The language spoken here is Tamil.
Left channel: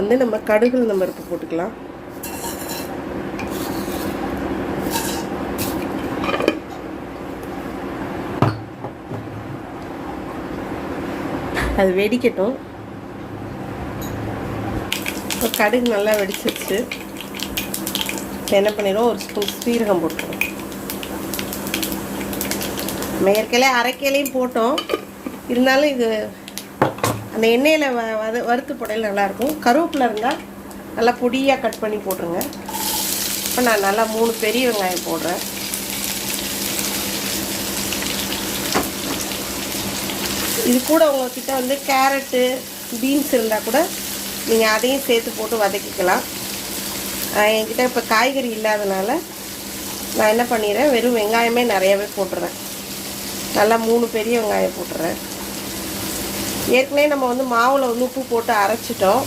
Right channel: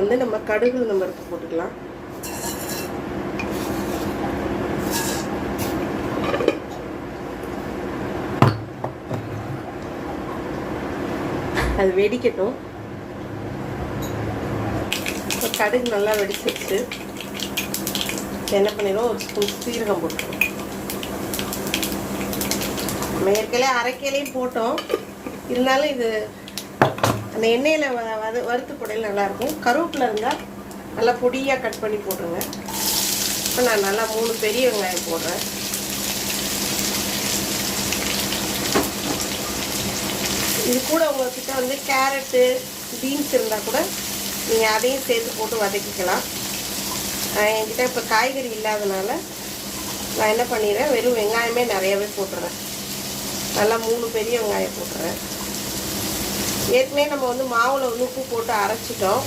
வந்து நம்ம கடுகு நம்ம பருப்பு போட்டுக்கலாம். அது வெடிக்கட்டும். இப்போ கடுகு நல்லா வெடிச்சிருச்சு. என்ன பண்ணிடுவோம், ஒரு ஸ்பூன் சீரகம் போட்டுருவோம். மேற்கலே அரைக்கலையும் போட்டோம், இருந்தாலும் இது அந்த எண்ணெயில் வறுத்து போடையில் நல்லாயிருக்கும். கருவேப்பிலை இருந்தால் நல்லா பொடியாக கட் பண்ணி போட்டுருங்க. இப்போ நான் நல்லா 3 பெரிய வெங்காயம் போடுறேன். இது கூட உங்கள்கிட்ட வந்து கேரட்டு, பீன்ஸ் இருந்தால் கூட நீங்கள் அதையும் சேர்த்து போட்டு வதக்கிக்கலாம். என்கிட்ட இப்போ காய்கறி இல்லாதனால நான் என்ன பண்ணிடுறேன், வெறும் வெங்காயமே நிறையவே போட்டுறேன். நல்லா 3 பெரிய வெங்காயம் போட்டுறேன். ஏற்கனவே நம்ம வந்து மாவில் வந்து உப்பு போட்டு அரைச்சிட்டோம்.